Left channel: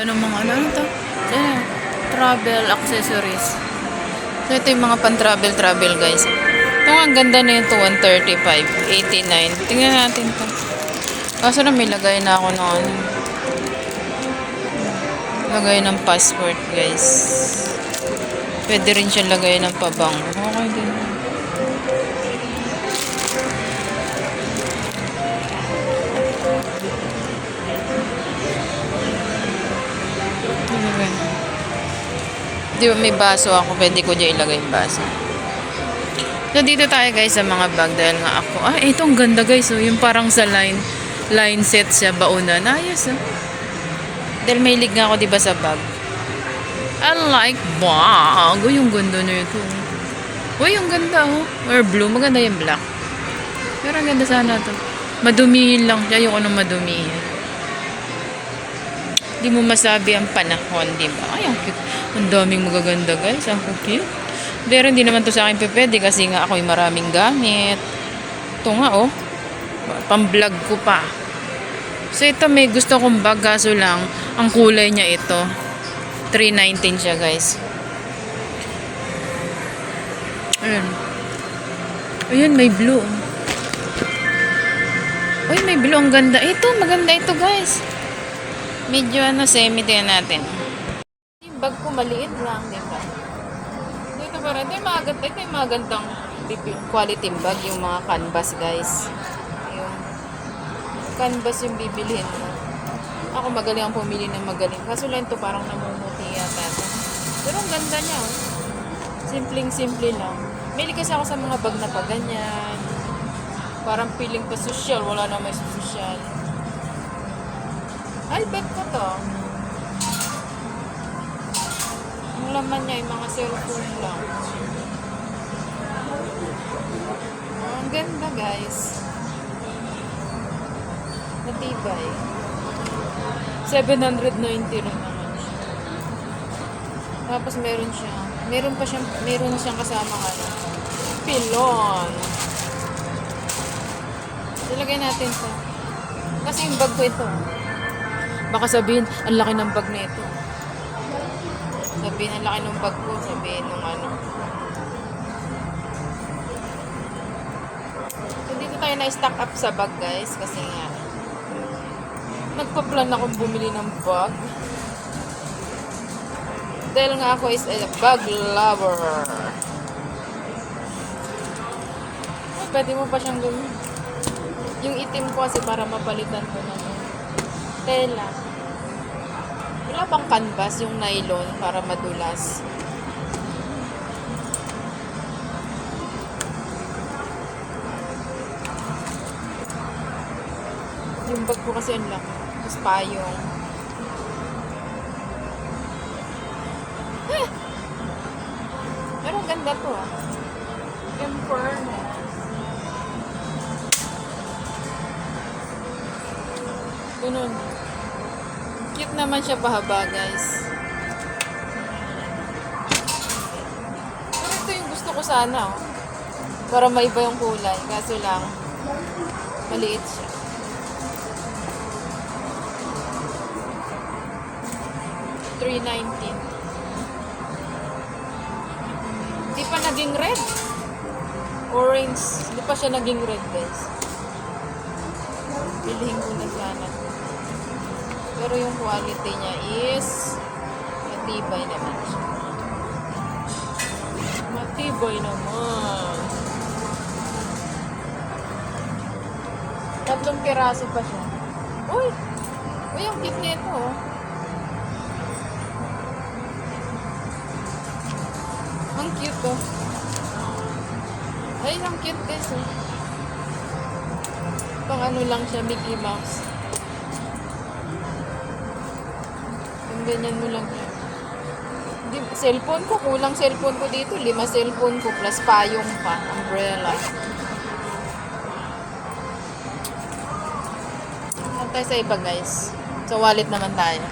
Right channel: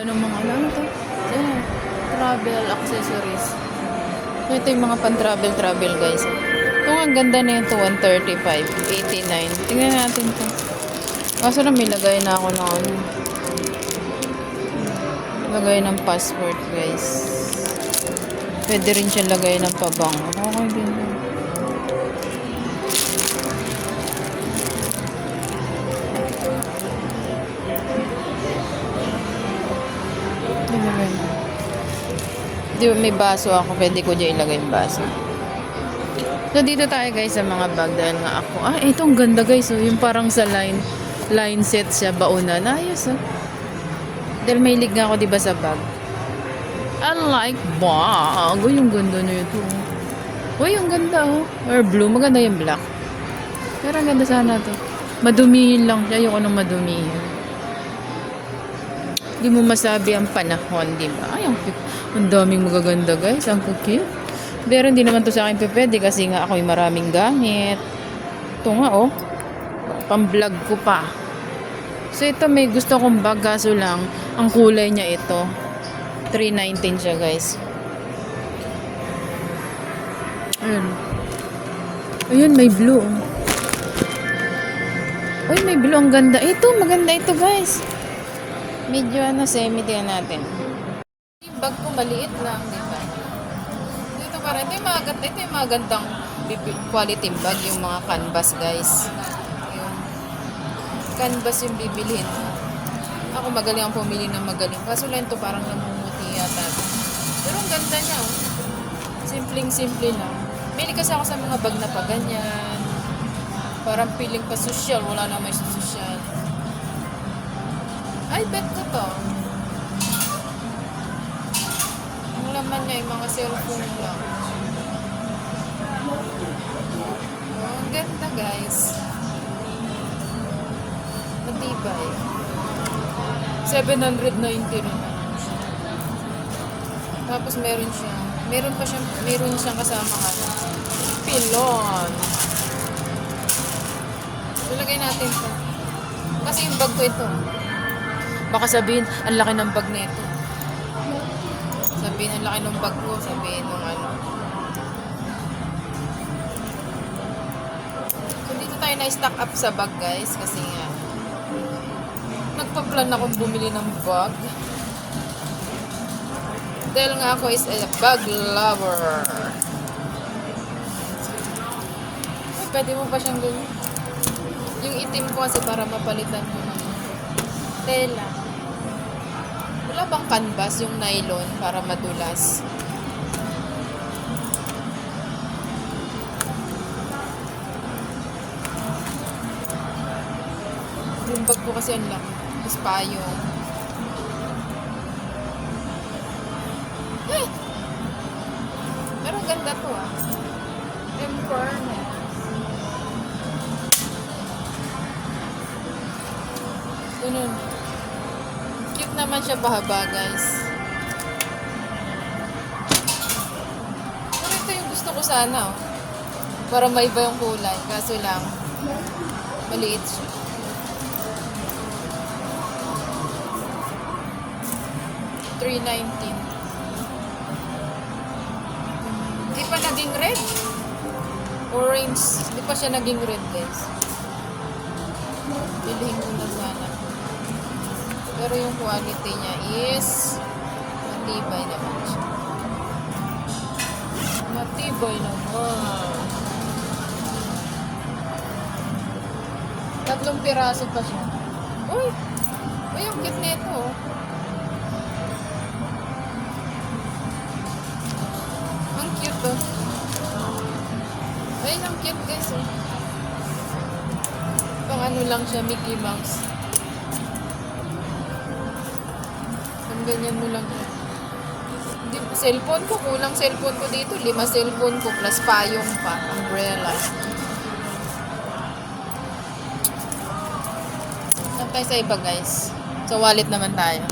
Ano mga ano ito? Travel accessories. So, ito yung mga pan-travel guys. Ito ang ganda na ito, 135, 89. Tingnan natin ito. Kaso na may lagay na ako ng ano. Lagay ng passport guys. Pwede rin siya lagay ng pabango. Okay din. Di ba may baso ako, pwede ko niya ilagay yung baso. Nandito tayo guys sa mga bag dahil nga ako. Ito ang ganda guys. Yung parang sa line set siya, baunan. Ayos Dahil may lig nga ako diba sa bag. I like bag. Yung ganda na ito. Uy, yung ganda Or blue, maganda yung black. Pero ang ganda sana to. Madumihin lang siya, yung anong madumihin. Di mo masabi ang panahon, di ba? Ay, ang cute. Ang daming magaganda guys. Ang cute. Pero hindi naman to sa akin pwede kasi nga ako'y maraming gamit. Ito nga pang-vlog ko pa. So ito may gusto kong bag kaso lang ang kulay niya ito. 319 siya guys. Ayun may blue. Uy, may blue. Ang ganda. Ito, maganda ito guys. Medyo semi din natin. Yung bag ko maliit lang, diba? Dito parang, ito yung magandang quality bag, yung mga canvas guys. Yung canvas yung bibilhin. Ako magaling ang pumili ng magaling. Kaso lang ito parang namumuti yata. Pero ang ganda niya. Simpleng-simple lang. Bili kasi ako sa mga bag na pa ganyan. Parang feeling pa social, wala na may social. Ay, bet ko to. Ang laman niya, yung mga cellphone lang. Ang ganda, guys. Natibay. 790 naman. Tapos meron siyang kasama pilon. Ilagay natin ito. Kasi yung bag ko ito. Baka sabihin, ang laki ng bag nito. Sabihin, ang laki ng bag ko. Sabihin, ng ano. So, dito tayo na-stock up sa bag, guys. Kasi nga, nagpa-plan akong bumili ng bag. Dahil nga ako is a bag lover. Ay, pwede mo pa siyang gawin. Yung itim ko kasi para mapalitan mo ng tela. Wala bang canvas yung nylon para madulas? Yung bag ko kasi ang laki. Mas payong. Pero ganda to Temperance. Ganun. Cute naman siya pahaba, guys. Pero ito yung gusto ko sana, para maiba yung kulay. Kaso lang, maliit siya. $319. Hindi pa naging red. Orange. Hindi pa siya naging red, guys. Bilhin ko na sana. Pero yung quality niya is matibay naman siya. Matibay naman. 3 piraso pa siya. Uy! Uy, ang cute nito. Ang cute Ay, ang cute this. Pang ano lang siya, Mickey Mouse. Ganyan mo lang. Hindi, cellphone ko, kulang cellphone ko dito. 5 cellphone ko plus payong pa. Umbrella. Saan tayo sa iba guys? Sa wallet naman tayo.